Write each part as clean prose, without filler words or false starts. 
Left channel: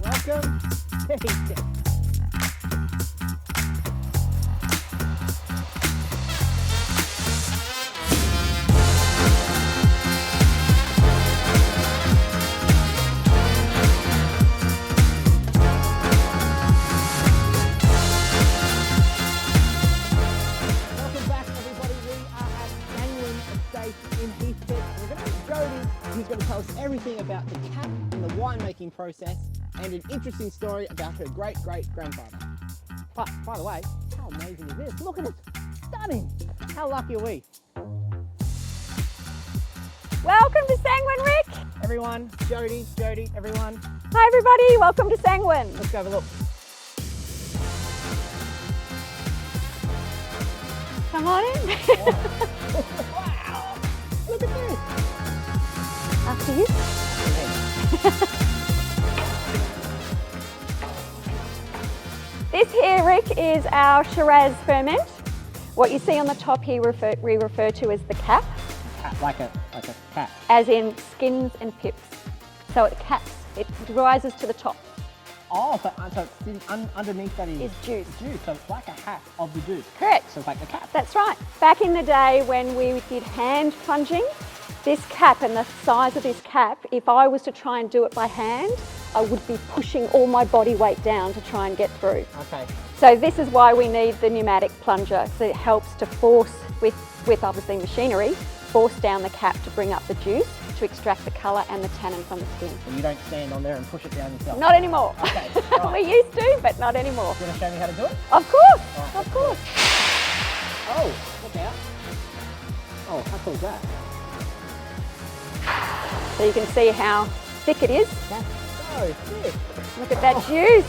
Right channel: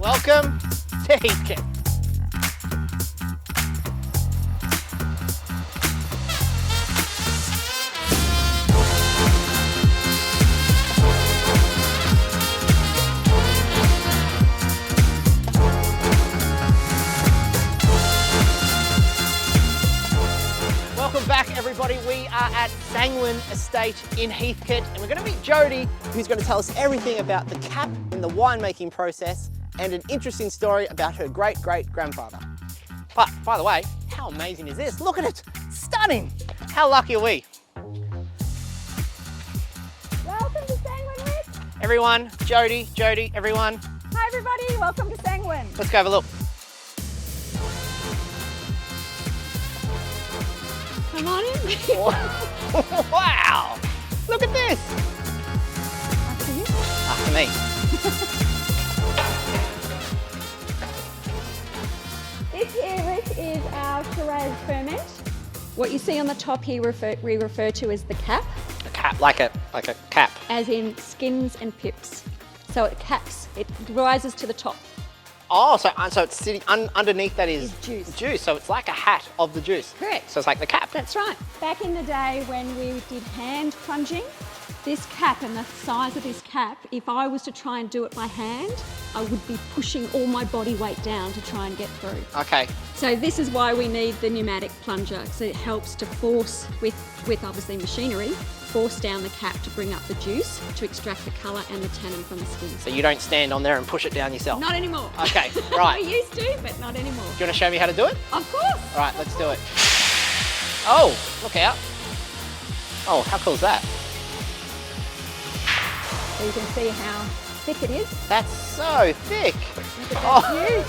Welcome to Heathcote. Welcome back, everybody. We are at Sanguine Estate in Heathcote, and we're going to meet Jodi, who's going to tell us everything about the cap and the winemaking process, and an interesting story about her great-great-grandfather. But, by the way, how amazing is this? Look at it! Stunning! How lucky are we? Welcome to Sanguine, Rick. Everyone, Jodi, everyone, Hi everybody, welcome to Sanguine. let's go have a look. Come on in. Wow! Look at this! After you. After me. This here, Rick, is our Shiraz ferment. What you see on the top here we refer to as the cap, A cap, like a cap. as in skins and pips. So it caps, it rises to the top. Oh, so it's sitting underneath that is Is juice. Juice, so it's like a hat of the juice. Correct. So it's like the cap. That's right. Back in the day when we did hand plunging, this cap and the size of this cap, if I was to try and do it by hand, I would be pushing all my body weight down to try and get through. Okay. So this is why we need the pneumatic plunger. So it helps to force, with obviously machinery, force down the cap to bring up the juice to extract the colour and the tannin from the skin. So you don't stand on there and push it down yourself? Not anymore. Okay, right. We used to, but not anymore. Do you want to show me how to do it? Of course. Right, let's do course. it. Oh, look out. Oh, how cool is that? So you can see how thick it is. That's so thick. Look at that Oh. juice.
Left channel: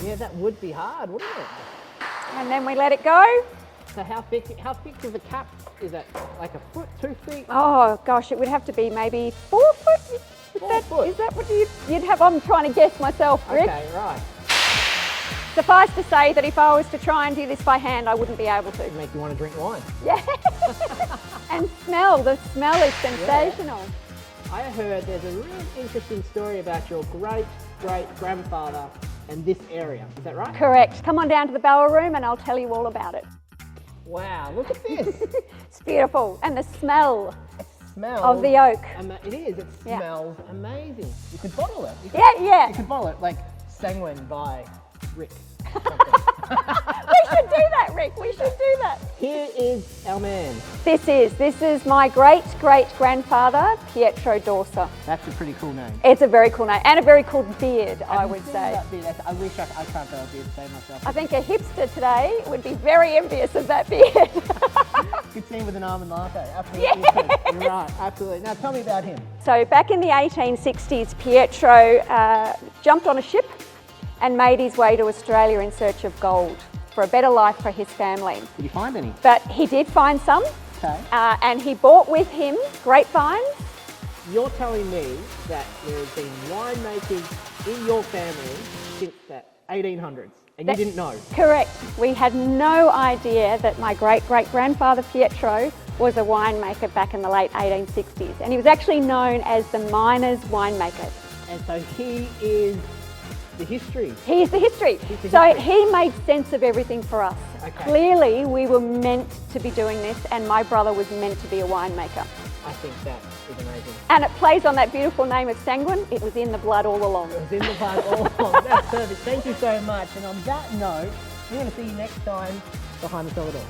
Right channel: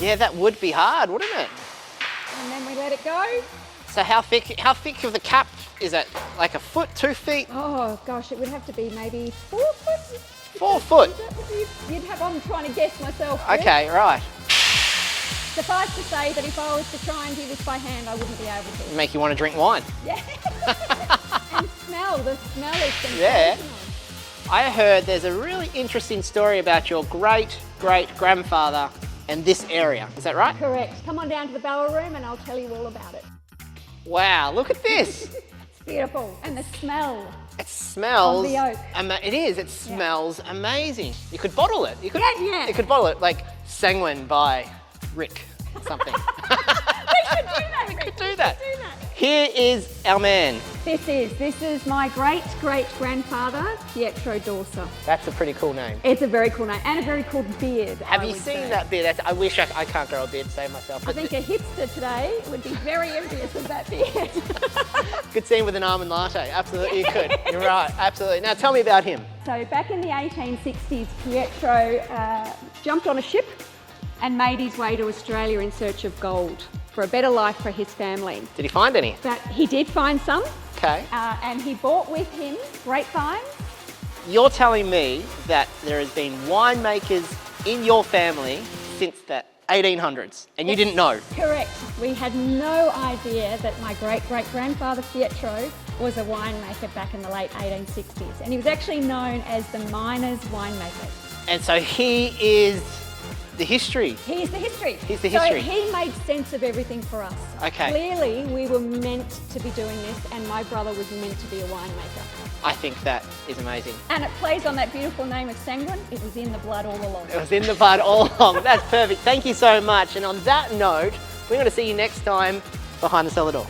Yeah, that would be hard, wouldn't it? And then we let it go. So how thick of the cap is it? Like a foot, 2 feet? Oh gosh, it would have to be maybe 4 foot. Is 4 foot? Is that what you'd have? I'm trying to guess myself. Rick. Okay, right. Suffice to say that if I was to try and do this by hand, I wouldn't be able to. Make you want to drink wine. Yeah. And the smell is sensational. I heard there's a really interesting story about your great-great-grandfather and this area. Is that right? Correct. Come on down to the barrel room and I'll tell you all about it. Wow, look at this. It's beautiful. And the smell. It smells... Of the oak. It is. It smells amazing. You could bottle it. You could, Yeah. You could bottle it like Sanguine by Rick or something. We should do that, Rick. do We should that. do that. Here is our man. This is my great-great-grandfather, Pietro Dorsa. That's a pretty cool name. It's a very cool name and a very cool beard, Have I you would seen say. that beard? I wish I can't grow a beard to save myself. I think a hipster today would be very envious of that beard. Could see him with an almond latte. Absolutely, you could. You're right. Absolutely. Now tell me about him. So back in the 1860s, Pietro jumped on a ship and made his way to Australia in search of gold for a better life for his family. Did he find any? But he did find some, Okay. and he brought with him grapevines. You're telling me that there has been winemakers in your family since the 1800s, and you didn't know? Correct. We had no idea that my great-great-grandfather Pietro was a winemaker back in the late 1860s, and he was actually known as the miner's winemaker. And so he is the history. He's the history. He's the So history. he made sense of everything for us. Okay. Clearly, we were meant to be doing this, and my brother was meant to be a winemaker. I think that is amazing. And it plays on that beautiful name of Sanguine. It was in the blood all along. It was in the bud all along. That's perfect. Thank you so much. And on that note, we're going to see you next time behind the cellar door.